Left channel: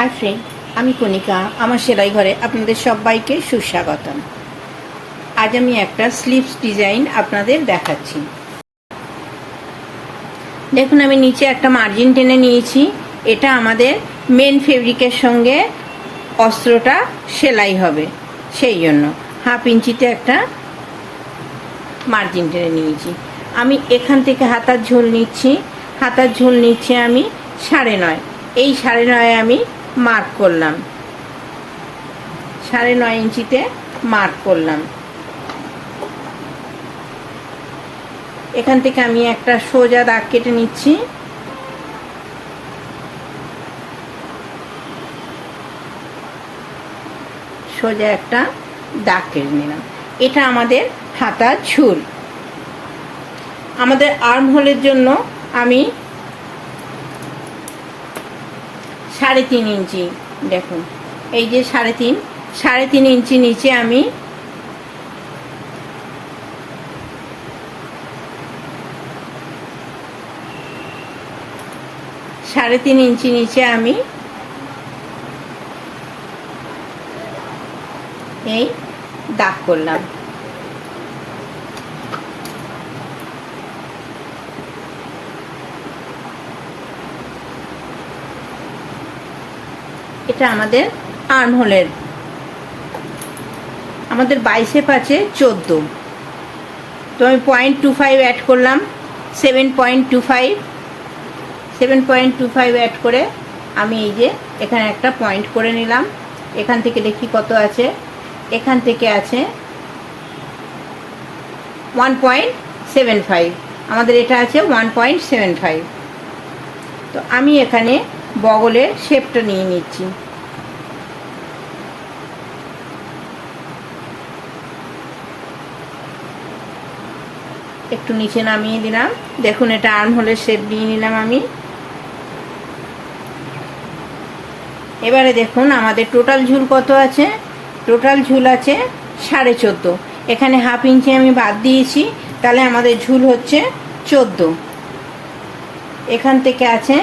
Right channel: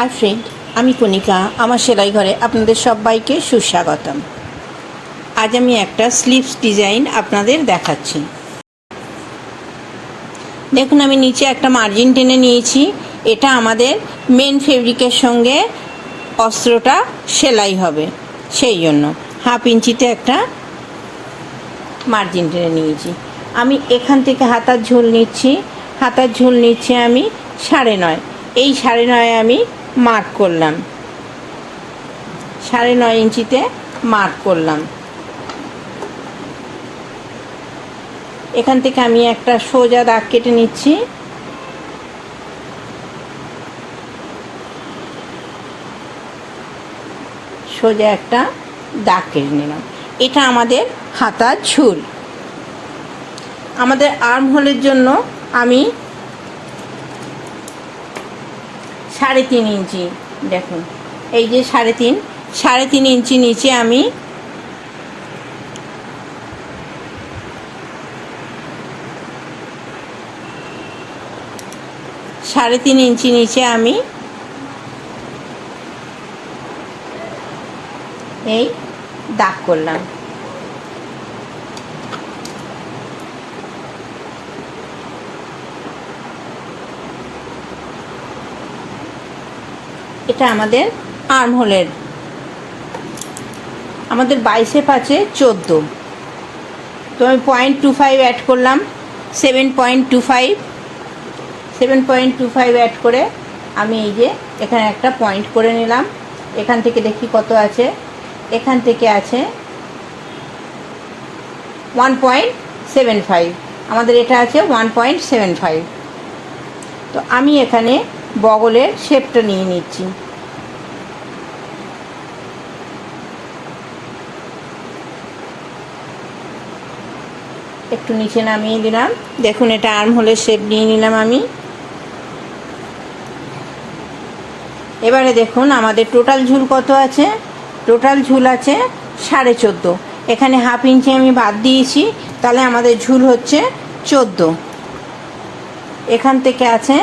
Hi friend, আমি কণিকা। আমার সেলাই ঘরে আপনাদের সবাইকে সুস্বাগতম। আজ আমি একটা স্লিভস ডিজাইন আপনাদের দেখাচ্ছি। দেখুন, আমি নিচে একটা মার্জিন টেনে নিয়েছি। এটা আমাদের মেন ফেব্রিকের সঙ্গে অস্ত্রটা সেলাই হবে, সেই জন্য হাফ ইঞ্চিতে একটা মার্জিন টেনে নিয়েছি। আমি এখান থেকে হাতার ঝোল নিচ্ছি। হাতার ঝোল নিচ্ছে আমি 9.5। এই 9.5 আমি মার্ক করলাম, 9.5 ইঞ্চিতে মার্ক করলাম। এখান থেকে আমি একটা সোজা দাগ কেটে নিচ্ছি। সোজা একটা দাগ কেটে নিলাম। এটা আমাদের হাতার ঝুল। আমাদের আর্ম হোলের জন্য আমি 3.5 ইঞ্চি, দেখুন এই যে 3.5 ইঞ্চি নিচে আমি এই দাগ করলাম। এটা আমাদের আর্ম হোলের। আমাদের বাইসেপ আছে 14, তো আমি 0.25 অ্যাড করলাম। 7.25 অ্যাড করে আমি এই যে এখানে একটা পয়েন্ট করে নিলাম। এখান থেকে দেখি কত আছে। এখান থেকে আছে 1.75। আমাদের এটা আছে 1.75। তো আমি এখানে বগলের শেপটা নিয়ে নিচ্ছি। একটু নিচে নামিয়ে দিলাম। দেখুন, এটা আর্ম হোলের শেপ নিয়ে নিলাম আমি। এবারে দেখুন আমাদের টোটাল ঝুল কত আছে। টোটাল ঝুল আছে 14.5। এখানে হাফ ইঞ্চি আমি বাদ দিয়েছি, তাহলে আমাদের ঝুল হচ্ছে 14। এখান থেকে আছে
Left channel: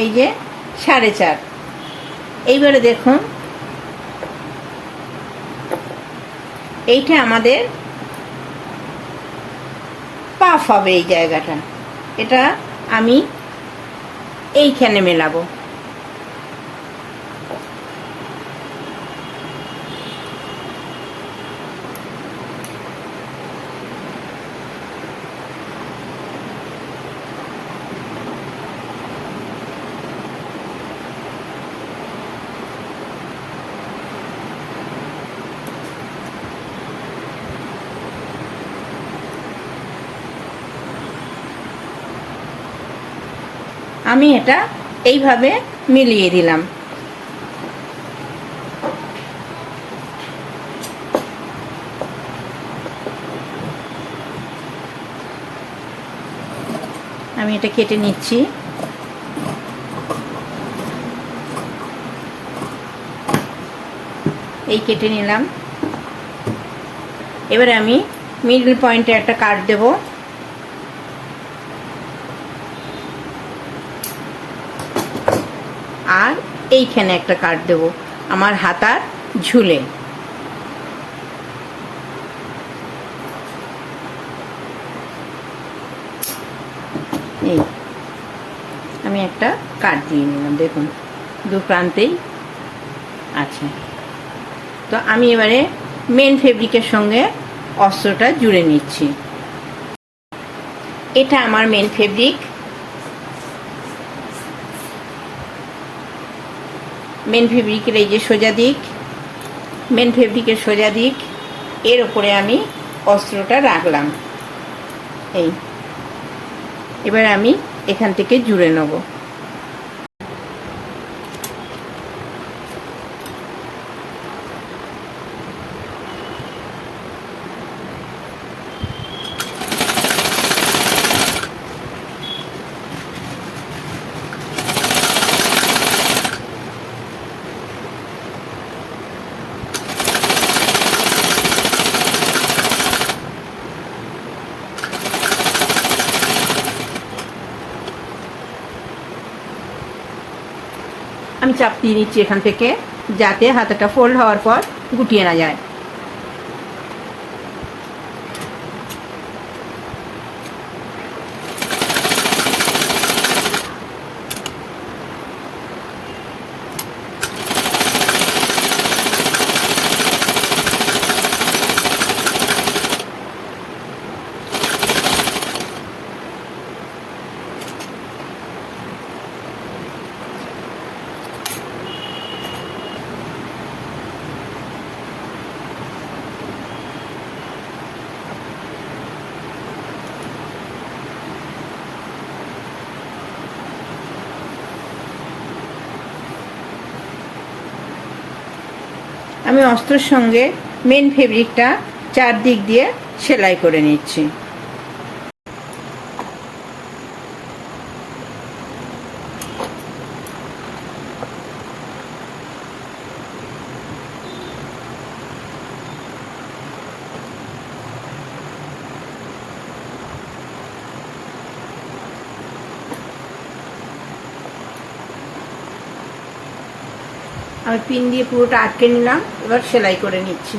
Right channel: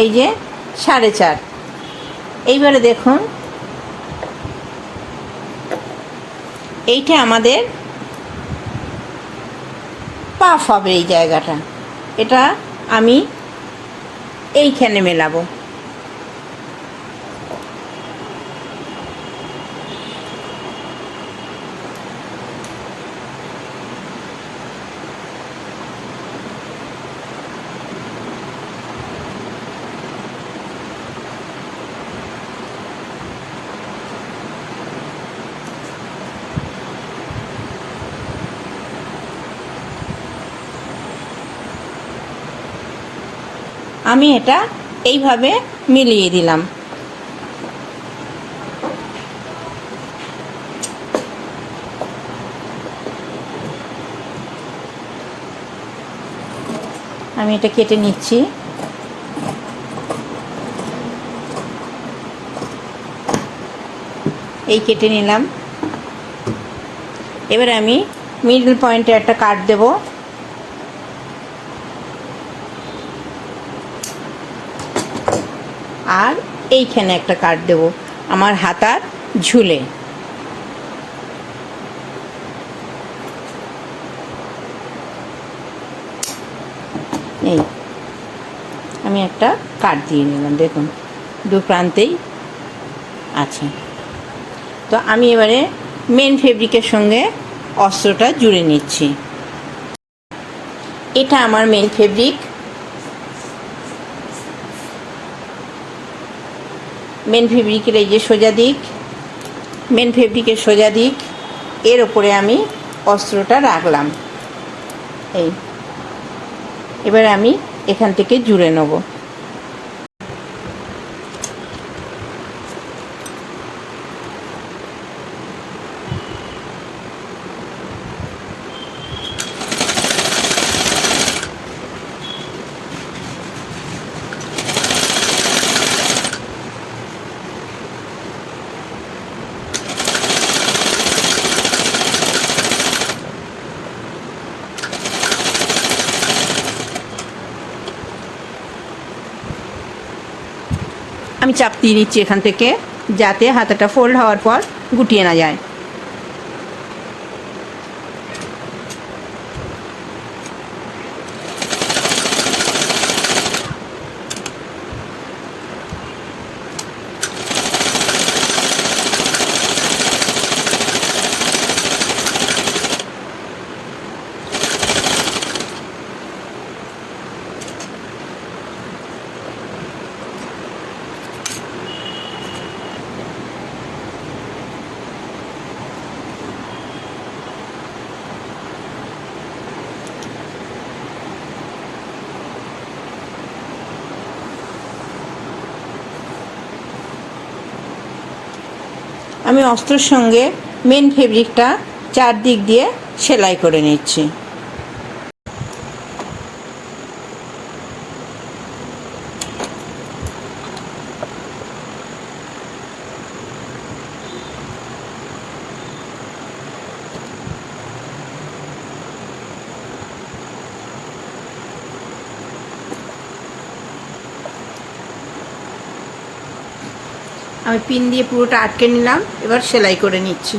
এই যে 4.5। এইবারে দেখুন, এইটা আমাদের পাফ হবে। এই জায়গাটা এটা আমি এইখানে মেলাবো। আমি এটা এইভাবে মিলিয়ে দিলাম। আমি এটা কেটে নিচ্ছি। এই কেটে নিলাম। এবারে আমি মিডল পয়েন্টে একটা কাট দেব। আর এইখানে একটা কাট দেব আমার হাতার ঝুলে। এই আমি একটা কাট দিয়ে নিলাম। দেখুন, দু প্রান্তেই আছে। তো আমি এবারে মেন ফেব্রিকের সঙ্গে অস্ত্রটা জুড়ে নিচ্ছি। এটা আমার মেন ফেব্রিক। মেন ফেব্রিকের এই যে সোজা দিক, মেন ফেব্রিকের সোজা দিক, এর ওপরে আমি অস্ত্রটা রাখলাম। এবার আমি এখান থেকে জুড়ে নেব। আমি চাপ দিয়ে নিচ্ছি এখান থেকে, যাতে হাতাটা ফোল্ড হওয়ার পর গুটিয়ে না যায়। আমি অস্ত্রের সঙ্গে মেন ফেব্রিকটা চারদিক দিয়ে সেলাই করে নিচ্ছি। আমি পিন দিয়ে পুরোটা আটকে নিলাম, এবার সেলাই করে নিচ্ছি।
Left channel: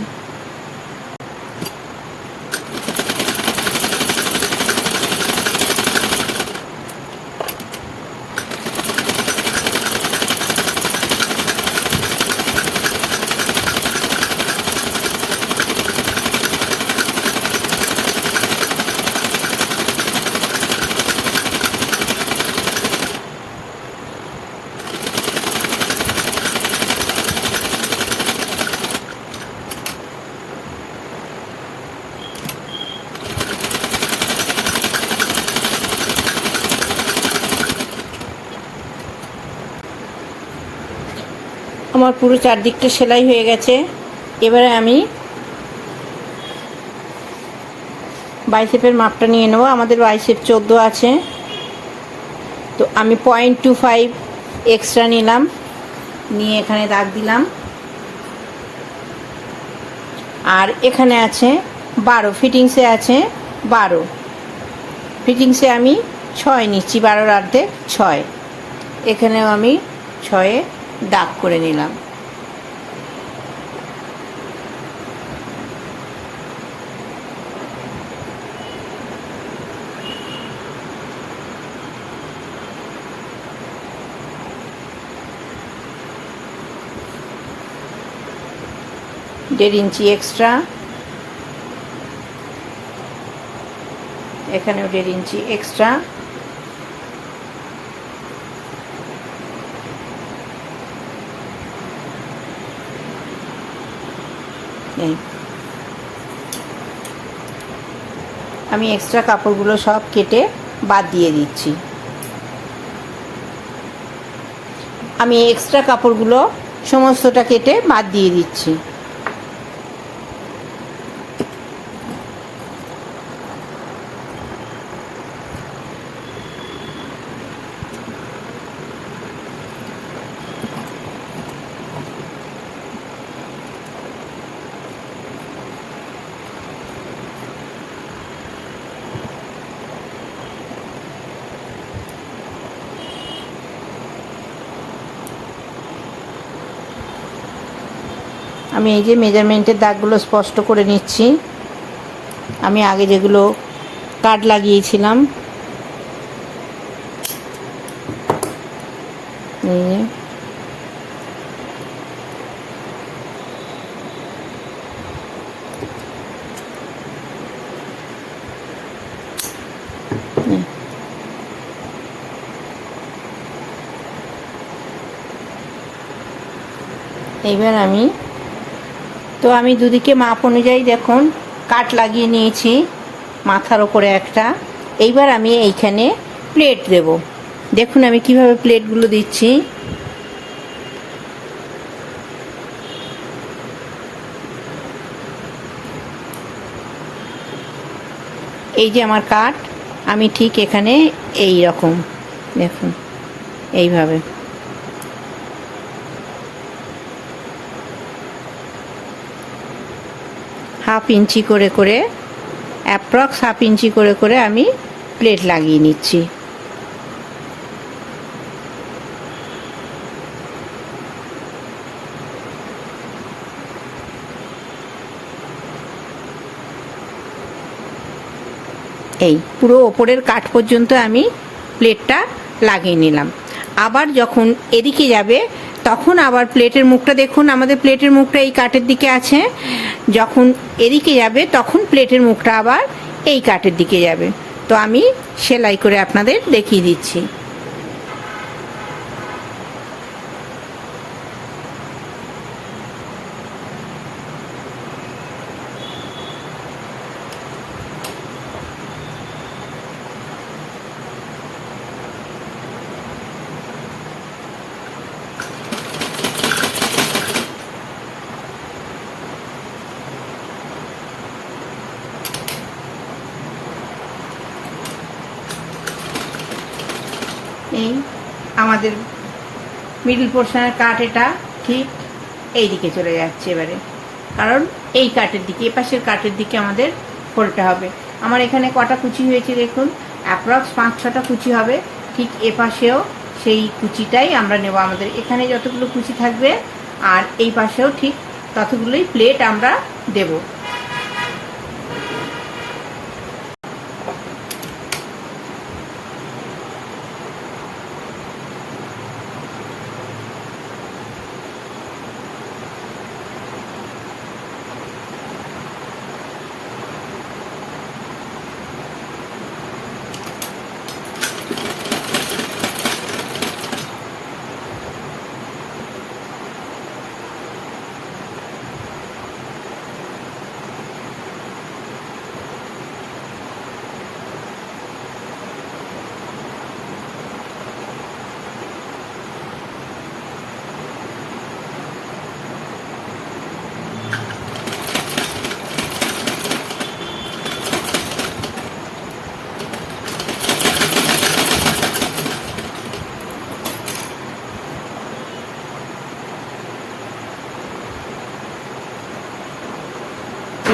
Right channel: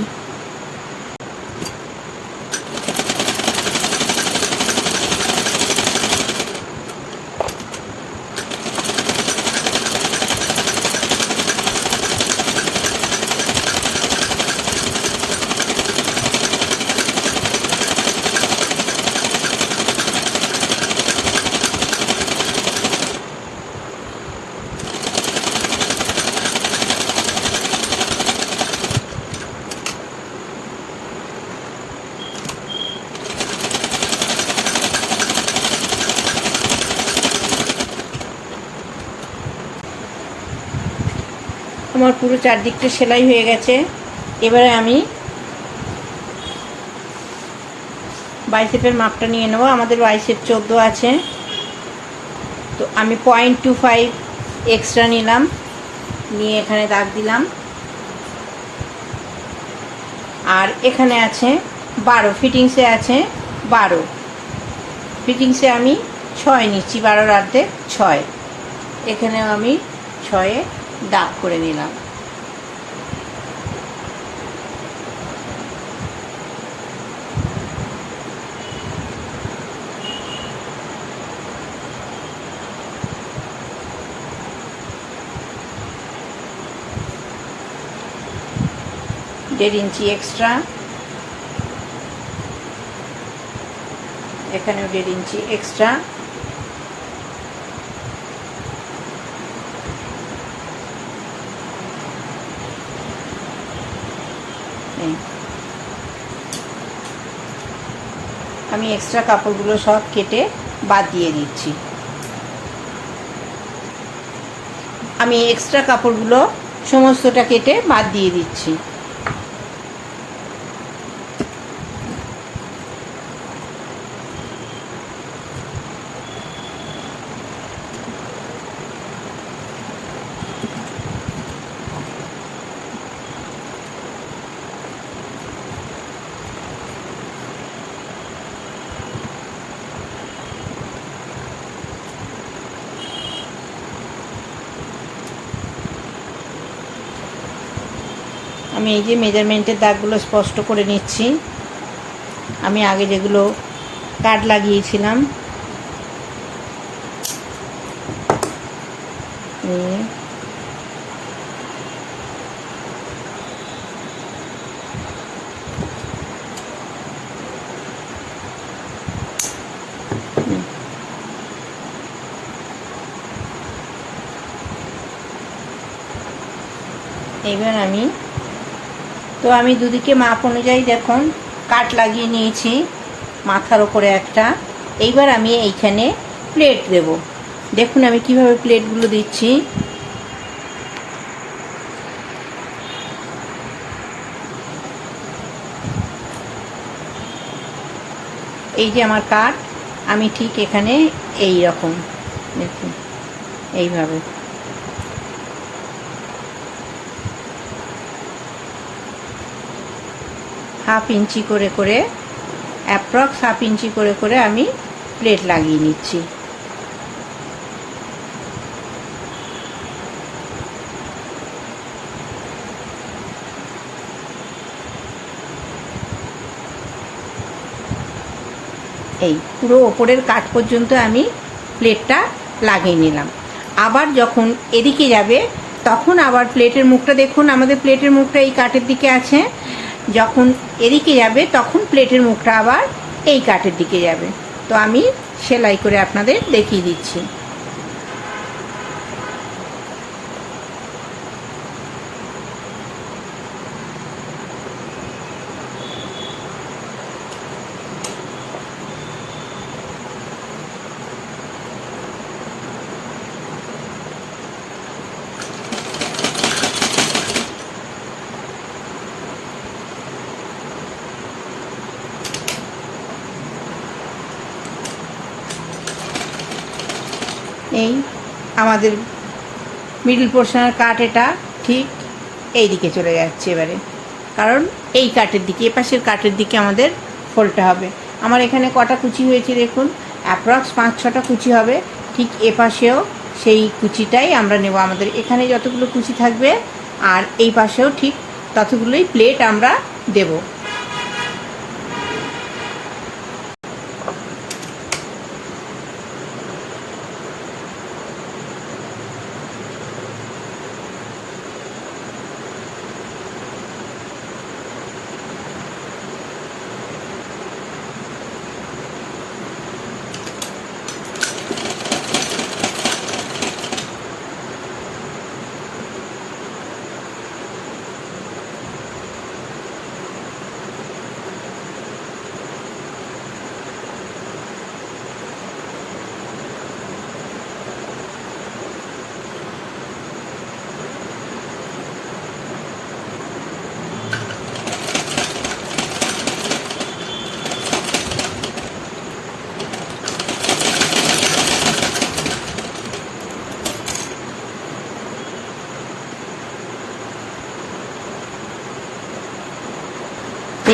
আমার পুরো চারদিকটা সেলাই হয়ে গেছে। এবারে আমি বাইসেপের মাপটা নিয়ে নেব। আমাদের বাইসেপ 14 আছে, তো আমি 0.25 এক্সট্রা নিলাম, নিয়ে এখানে দাগ দিলাম। আর এখানে আছে 12, ফিটিংসে আছে 12, ফিটিংসে আমি 6 নিচ্ছি, 12 অর্ধেক 6। এখানেও আমি 6 দাগ করে নিলাম। দেড় ইঞ্চি এক্সট্রা, এখানেও 1.5 ইঞ্চি এক্সট্রা। আমি এক্সট্রা কাপড়গুলো সব কেটে বাদ দিয়ে দিচ্ছি। আমি এক্সট্রা কাপড়গুলো সমস্তটা কেটে বাদ দিয়ে দিচ্ছি। আমি এই যে মেজারমেন্টের দাগগুলো স্পষ্ট করে নিচ্ছি। আমি আগে যেগুলো কাট লাগিয়েছিলাম, এইবার আমি দুদিকে মাপ অনুযায়ী দেখুন কাট লাগিয়ে নিয়েছি, মাথার ওপরে একটা। এইবার আমি এইখানে প্লেট দেব। দেখুন আমি কিভাবে প্লেটগুলো দিচ্ছি। এই যে আমার কাট, আমি ঠিক এখানে এই রকম দেখুন এইভাবে হাফ ইঞ্চি করে করে, অ্যাপ্রক্স হাফ ইঞ্চি করে করে আমি প্লেট লাগিয়ে নিচ্ছি। এই পুরো ওপরের কাঠ পর্যন্ত আমি প্লেটটা লাগিয়ে নিলাম। আবার যখন এদিকে যাবে তখন আবার প্লেটের মুখটা দেখুন, আমাদের প্লেটের মুখটা এই কাঠের দিকে আছে, যখন এদিকে যাবে তখন প্লেটের মুখটা আবার এই কাঠের দিকে যাবে। তো আমি সেলাই করে আপনাদের দেখিয়ে দিচ্ছি। এই আমাদের মিডল পোর্শনের কাঠ এটা ঠিক এই দিকে চলে যাচ্ছে এবারে, কারণ এই কাঠের দিকে, এপাশের কাঠের দিকে আমাদের ফোল্ডটা হবে। আমার এখানে কটা কুচি হয়েছে দেখুন, অ্যাপ্রক্স 5-6টা কুচি হবে। ঠিক এপাশেও সেই কুচিটাই আমরা নেব। আমাদের এখানে যতগুলো কুচি থাকবে আর এই পাশেও ঠিক ততগুলোই প্লেট আমরা দেব।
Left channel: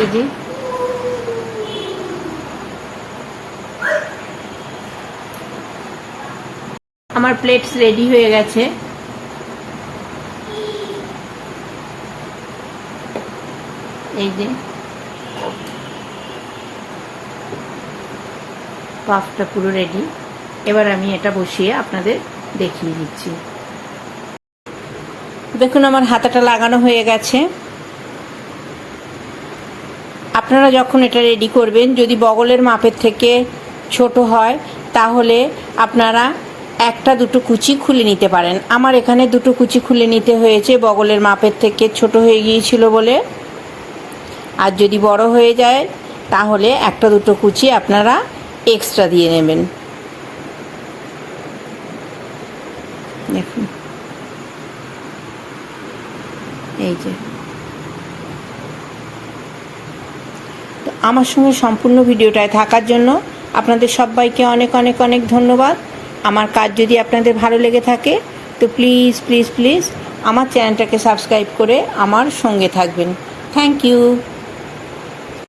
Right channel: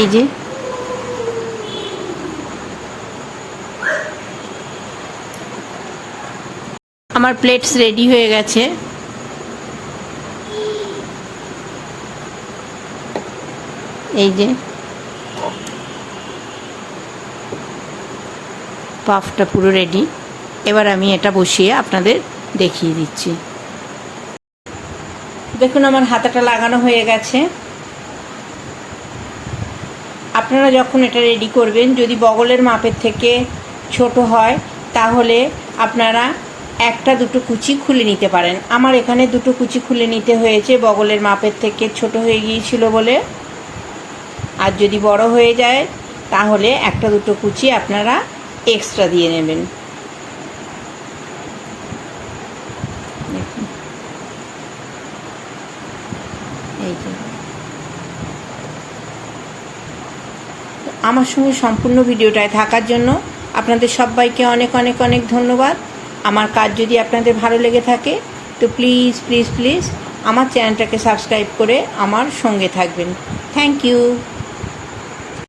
এই যে আমার প্লেটস রেডি হয়ে গেছে। এই যে পাফটা পুরো রেডি। এবার আমি এটা বসিয়ে আপনাদের দেখিয়ে দিচ্ছি। দেখুন আমার হাতাটা লাগানো হয়ে গেছে। আপনারা যখন এটা রেডি করবেন, যদি বগলের মাপের থেকে ছোট হয় তাহলে আপনারা 1-2 কুচি খুলে নিতে পারেন। আমার এখানে 2 কুচি খুলে নিতে হয়েছে, বগলের মাপের থেকে ছোট হয়ে গিয়েছিল বলে। আর যদি বড় হয়ে যায় তাহলে 1-2 কুচি আপনারা এক্সট্রা দিয়ে নেবেন। দেখুন এই যে আমার সঙ্গে সম্পূর্ণ ভিডিওটায় থাকার জন্য আপনাদের সবাইকে অনেক অনেক অনেক ধন্যবাদ। আমার কাজ যদি আপনাদের ভালো লেগে থাকে তো প্লিজ প্লিজ প্লিজ আমার চ্যানেলটাকে সাবস্ক্রাইব করে আমার সঙ্গে থাকবেন। Thank you.